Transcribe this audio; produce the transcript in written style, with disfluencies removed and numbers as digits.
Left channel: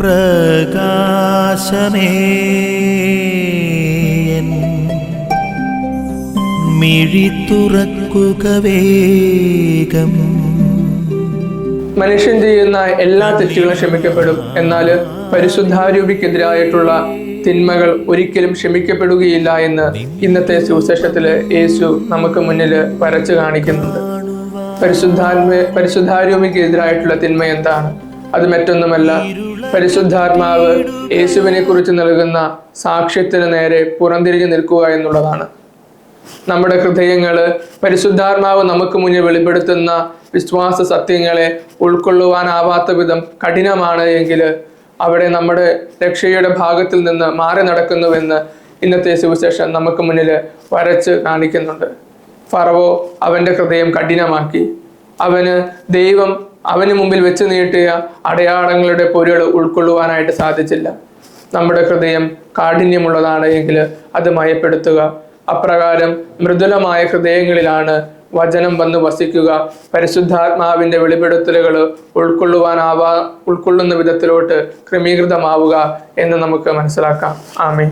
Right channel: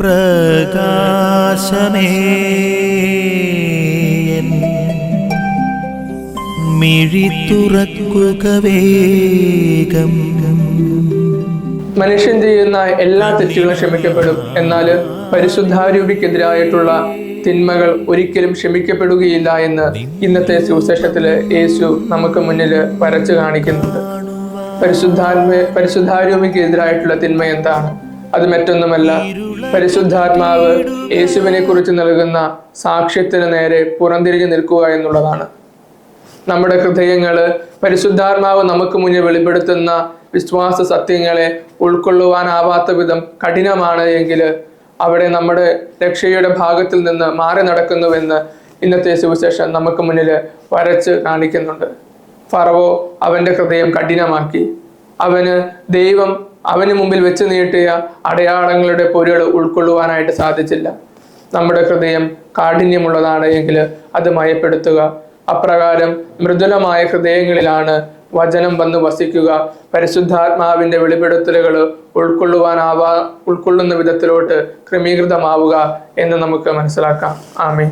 പ്രകാശമേ മിഴി തുറക്കുക വേഗം. മനുഷ്യൻ ചെയ്യുന്ന എല്ലാ തെറ്റുകളും ക്ഷമിക്കപ്പെടും. എന്നാൽ പരിശുദ്ധാരൂപിക്കെതിരായിട്ടുള്ള തിന്മകൾ ഒരിക്കലും ക്ഷമിക്കപ്പെടുകയില്ല എന്ന് ഇന്നത്തെ സുവിശേഷത്തില് യേശു നമുക്ക് മുന്നിൽ വരച്ചു കാണിക്കുന്നുണ്ട്. പരിശുദ്ധാരൂപിക്കെതിരായിട്ടുള്ള തിന്മ എന്താണ്? അത് മറ്റൊന്നുമല്ല, പരിശുദ്ധാത്മാവ് യേശുവിനെ കുറിച്ച് നൽകുന്ന സാക്ഷ്യത്തിന് നേരെ പുറംതിരിഞ്ഞു നിൽക്കുക എന്നുള്ളതാണ്. നമ്മുടെ ഹൃദയങ്ങള് പരിശുദ്ധാത്മാവ് നമുക്ക് മുന്നിൽ വെളിപ്പെടുത്തുന്ന വിശ്വാസ സത്യങ്ങളെ ഉൾക്കൊള്ളുവാനാവാത്ത വിധം കഠിനമാണ് എങ്കിൽ അവിടെ നമ്മുടെ രക്ഷയുടെ ഭാഗത്തിൽ നിന്ന് മാറി നടക്കുന്നുവെന്ന് ഇന്നത്തെ സുവിശേഷം നമുക്ക് മുന്നിൽ വരച്ച് കാണിക്കുന്നുണ്ട്. ഫറവോ അവന്റെ ഹൃദയം കഠിനമാക്കി. ദൈവം അവന് മുമ്പിൽ വെച്ച് നീട്ടിയ അടയാളങ്ങളുടെ പൊരുൾ ഉൾക്കൊള്ളുവാനായിട്ട് സാധിച്ചില്ല. നമ്മുടെ ഹൃദയം കാഠിന്യമുള്ളതാണ് എങ്കിൽ അത് മയപ്പെടുത്തുക. അപ്രകാരം മൃദുലമായ ഹൃദയങ്ങളിലാണ് വചനം വന്ന് വസിക്കുക. പരിശുദ്ധാത്മാവിന്റെ വെളിപ്പെടുത്തലുകൾ ഉൾക്കൊള്ളുന്ന വിധത്തിലോട്ട് ക്രമീകൃതമാവുക എന്ന് നമുക്ക് മനസ്സിലാക്കാം. ആമേൻ.